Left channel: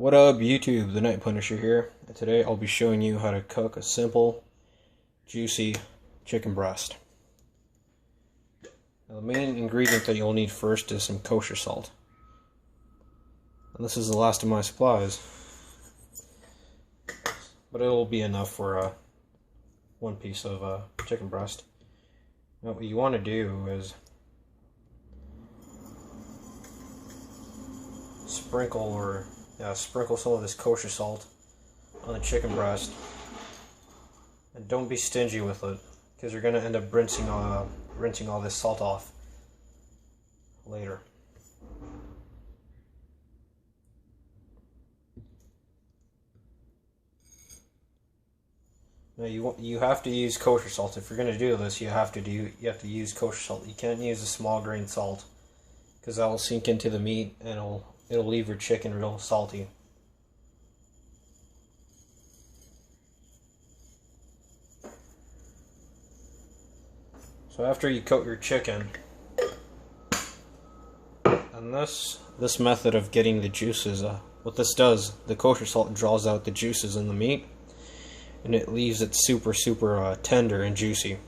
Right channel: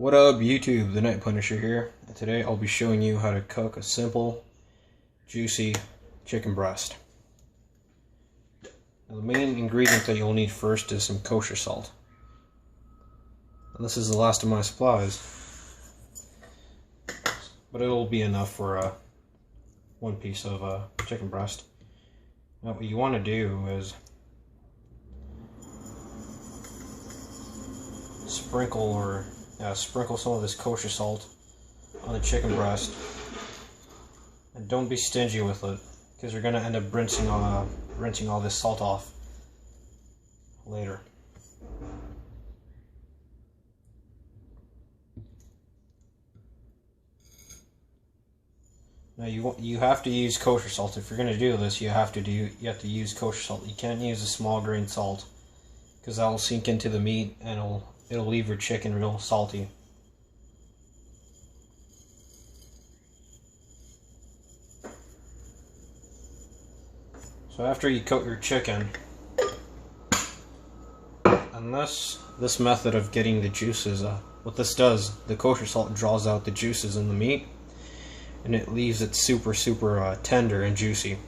What up, YouTube? The Night Punisher here. And today I'll be showing you how to cook a simple, juicy chicken breast. Now, the main ingredient that you'll need first is some kosher salt. And this is the last of my supplies, but it'll be enough for one piece of chicken breast. Now, what you want to do is sprinkle some of this kosher salt on the chicken breast, and don't be stingy with it, because you're going to end up rinsing all this salt off later. Now you have to use kosher salt. If you're going to do this, you have to use kosher salt. You can't use a small grain salt, because that will sink into the meat and it'll leave your chicken real salty. So after you coat your chicken, and this method of getting the juices, what this does, the kosher salt draws out the juices in the meat, and it leaves it super tender and juicy.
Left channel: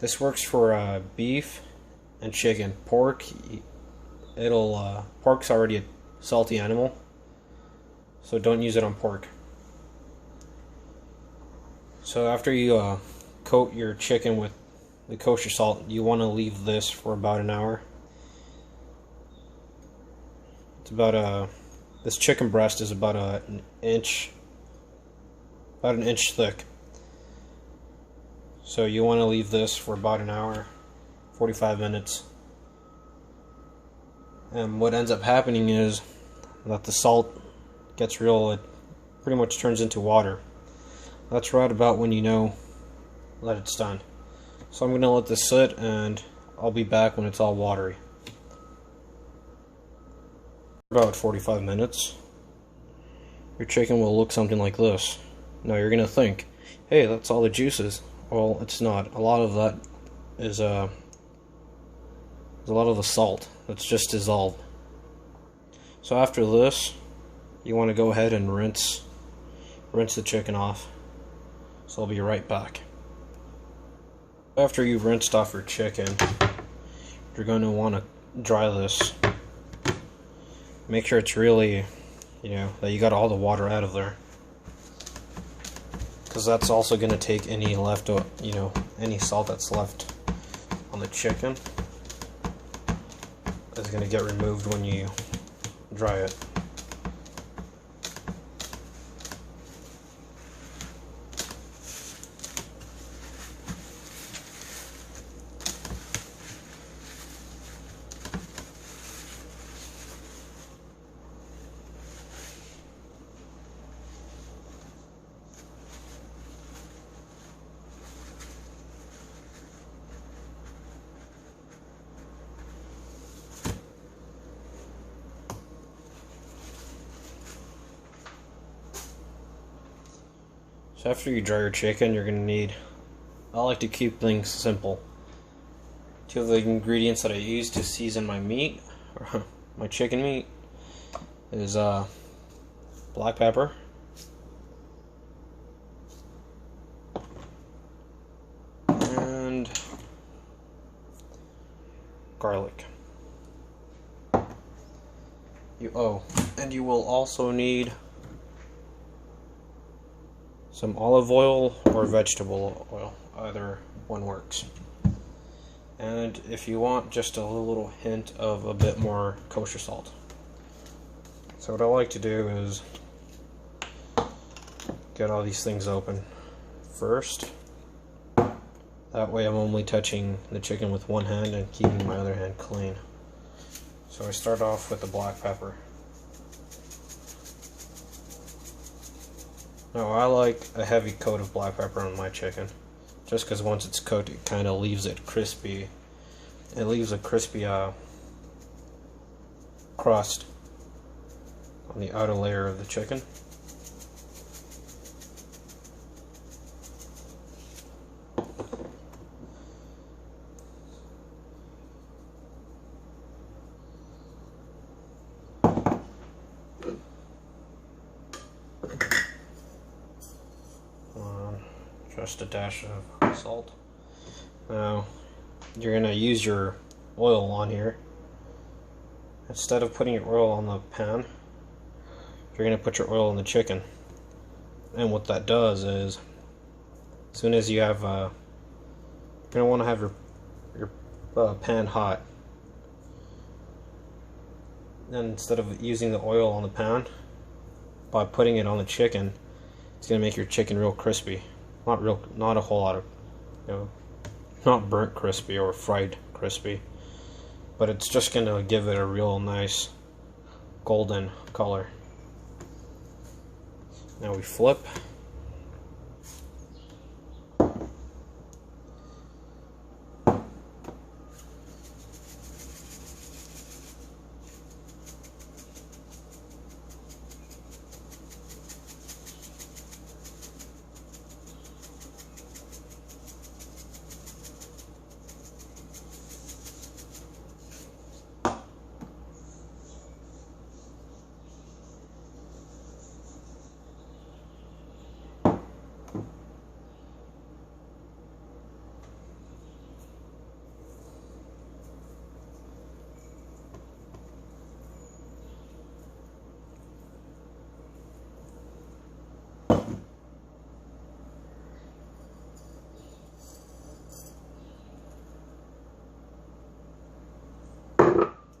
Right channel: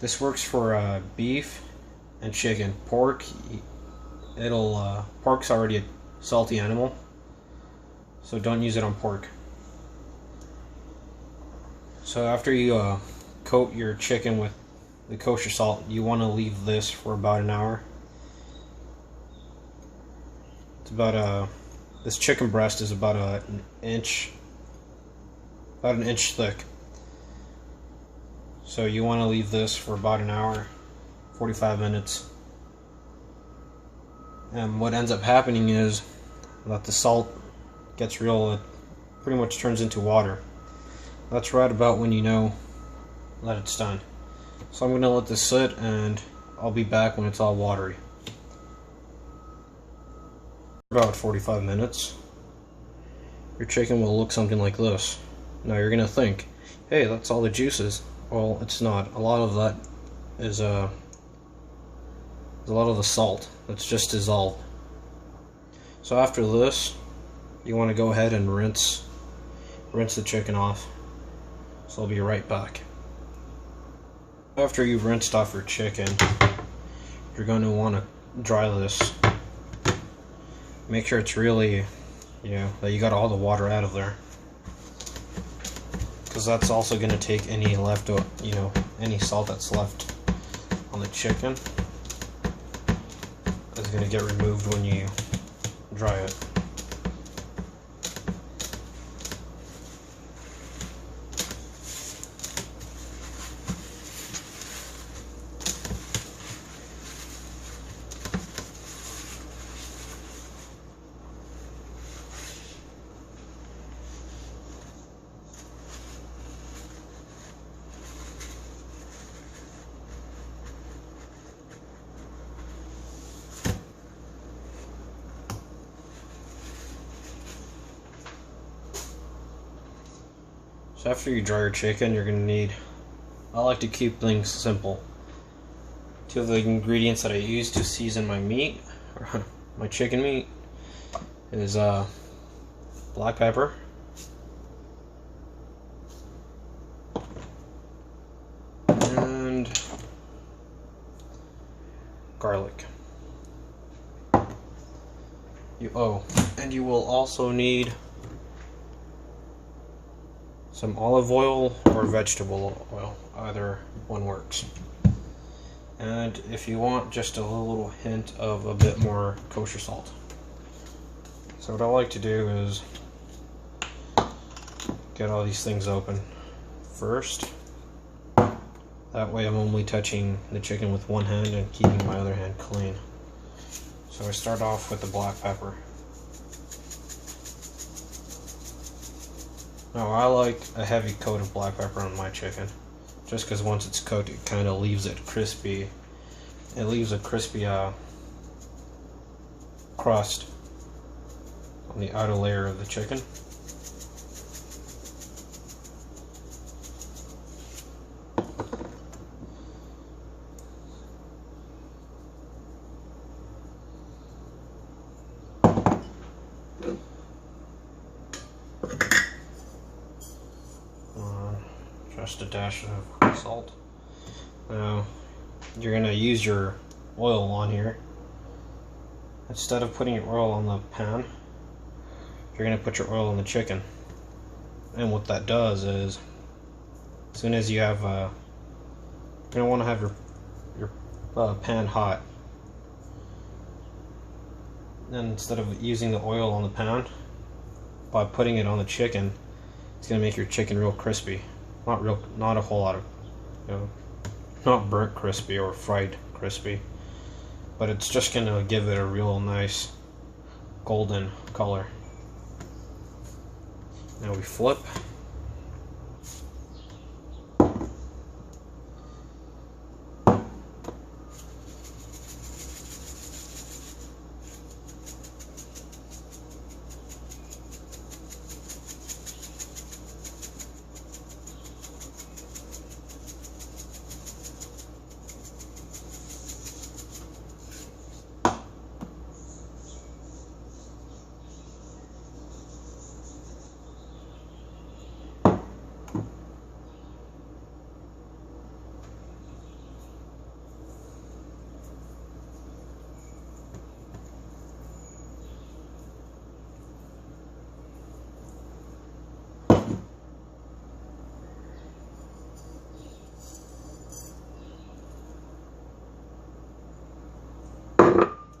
This works for beef and chicken. Pork, pork's already a salty animal, so don't use it on pork. So after you coat your chicken with the kosher salt, you want to leave this for about an hour. It's about this chicken breast is about an inch thick. So you want to leave this for about an hour, 45 minutes. And what ends up happening is that the salt gets it pretty much turns into water. That's right about when you know that it's done. So I'm going to let this sit, and I'll be back when it's all watery. About 45 minutes, your chicken will look something like this. Now you're going to think, hey, that's all the juices. Well, it's not. A lot of that is a lot of the salt that's just dissolved. So after this, you want to go ahead and rinse the chicken off. So I'll be right back. After you've rinsed off your chicken, you're going to want to dry this. Make sure it's really, that you got all the water out of there, because that's also going to take any any salt that's left on the chicken is going to get removed when you dry it. So after you dry your chicken, you're going to need, I like to keep things simple. Two of the ingredients that I use to season my meat, or my chicken meat, is black pepper, and garlic. And you will also need some olive oil or vegetable oil. Either one works. And if you want, just a little hint of a bit more kosher salt. So what I like to do is get all these things open first. That way I'm only touching the chicken with one hand and keeping my other hand clean. So I start off with the black pepper. Now I like a heavy coat of black pepper on my chicken, just because once it's cooked, it kind of leaves it crispy. It leaves a crispy crust on the outer layer of the chicken. just a dash of salt. Now, you're going to use your oil on here. Instead of putting your oil on the pan, you're going to put your oil on the chicken. And what that does is, as soon as you have, you're going to want to have your pan hot. And instead of using the oil on the pan, by putting it on the chicken, it's going to make your chicken real crispy. Not a whole lot of, not burnt crispy or fried crispy, but it's just going to give it a real nice golden color. Now we flip.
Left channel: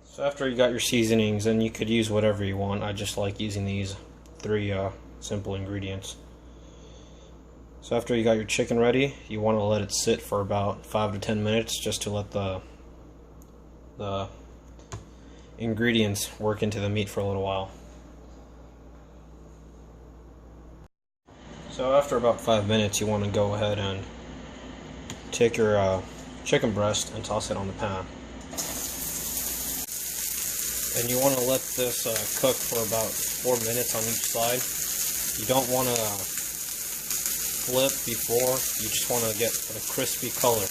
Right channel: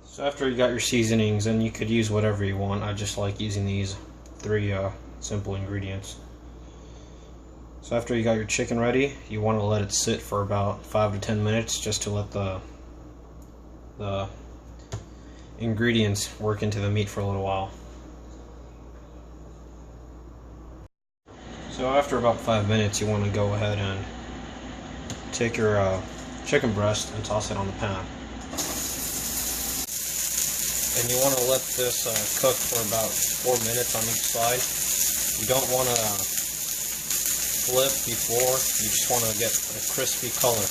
So after you got your seasonings, and you could use whatever you want. I just like using these 3 simple ingredients. So after you got your chicken ready, you want to let it sit for about 5 to 10 minutes just to let the ingredients work into the meat for a little while. So after about 5 minutes, you want to go ahead and take your chicken breast and toss it on the pan. And you want to let this cook for about 4 minutes on each side. You don't want to flip before, you just want to get a crispy color.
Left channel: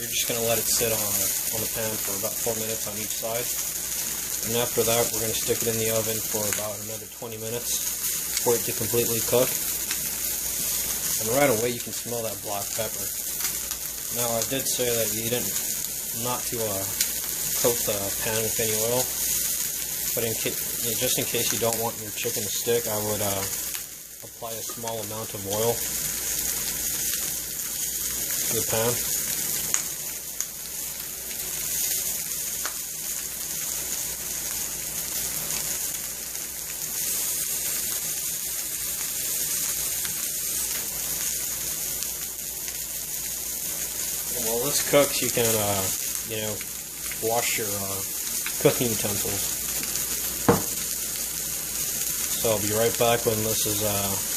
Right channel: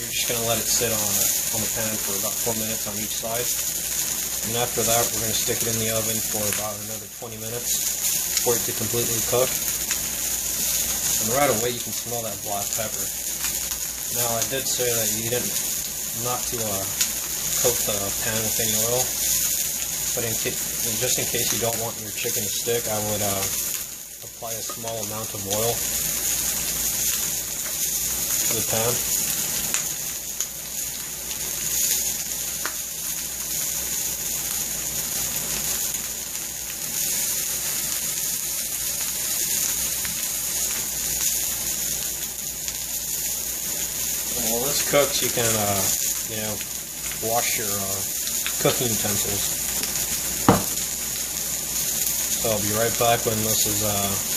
You're just going to let it sit on the pan for about 4 minutes on each side. And after that, we're going to stick it in the oven for about another 20 minutes for it to completely cook. And right away you can smell that black pepper. Now I did say that you didn't not to coat the pan with any oil. But just in case you don't want your chicken to stick, I would apply a small amount of oil to the pan. And while this cooks, you can, wash your cooking utensils. So I'll be right back when this is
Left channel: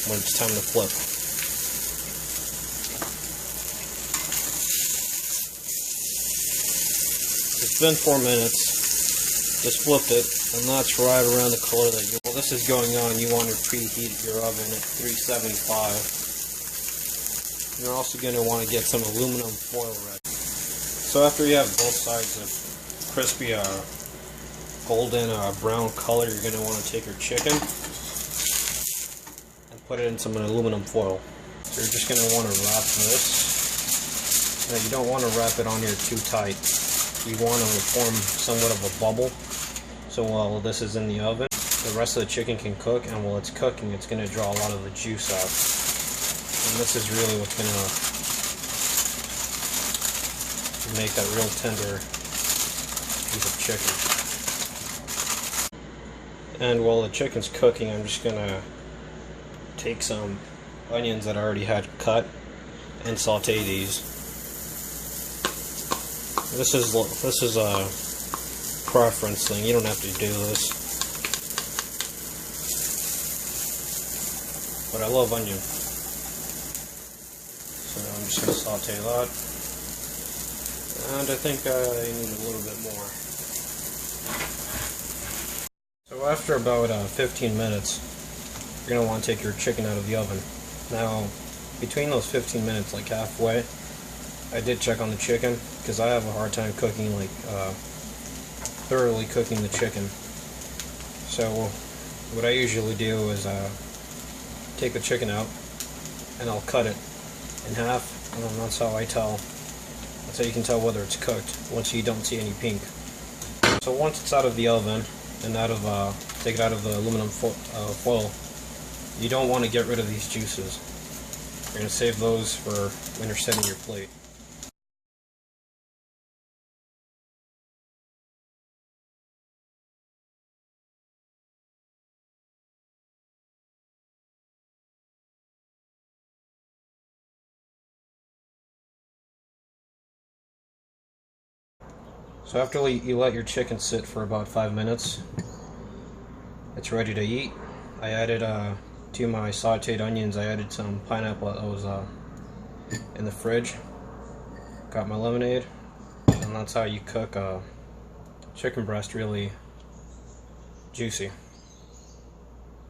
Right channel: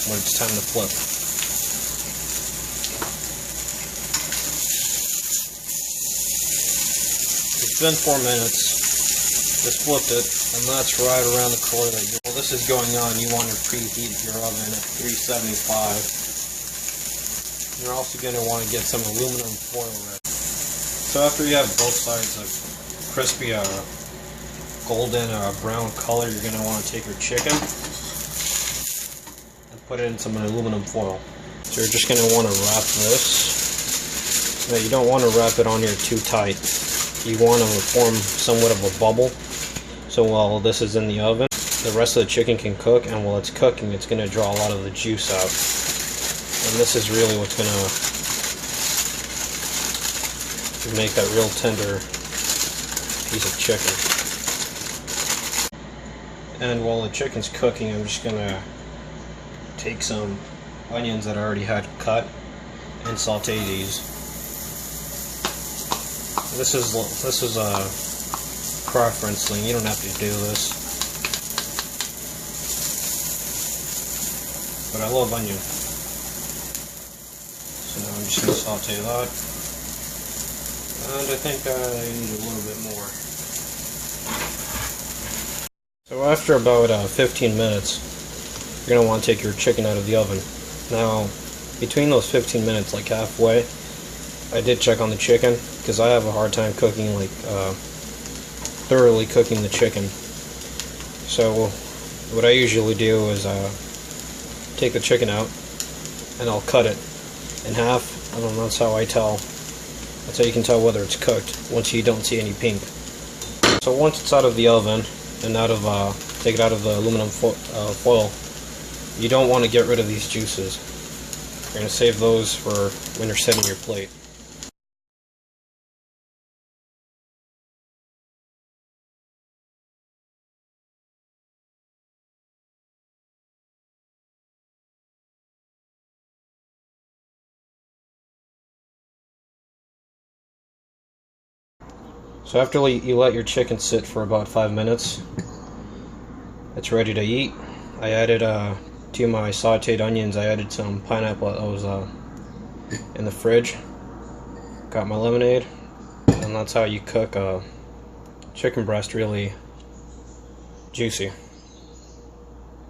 when it's time to flip. It's been 4 minutes. Just flipped it, and that's right around the color that you're. While this is going on, you want to preheat your oven at 375. You're also going to want to get some aluminum foil ready. So after you have both sides of crispy golden brown color, you're going to want to take your chicken and put it in some aluminum foil. So you're just going to want to wrap this. Now you don't want to wrap it on here too tight. You want to form somewhat of a bubble. So while this is in the oven, the rest of the chicken can cook, and while it's cooking, it's going to draw a lot of the juice out. And this is really what's going to make that real tender piece of chicken. And while the chicken's cooking, I'm just going to take some onions that I already had cut and saute these. This is a preference thing. You don't have to do this, but I love onion. So now I'm just going to saute that, and I think I need a little bit more. So after about 15 minutes, you're going to want to take your chicken out of the oven. Now, between those 15 minutes, like halfway, I did check on the chicken, because I have a hard time cooking, thoroughly cooking the chicken. So what I usually do is take the chicken out, and I'll cut it. in half. I don't know, that's how I tell. That's how you can tell whether it's cooked, once you don't see any pink. So once it's out of the oven, and take it out of the aluminum foil, you don't want to get rid of these juices. You're going to save those for when you're setting your plate. So after you let your chicken sit for about 5 minutes, it's ready to eat. I added to my sauteed onions, I added some pineapple that was in the fridge. Got my lemonade, and that's how you cook a chicken breast really juicy.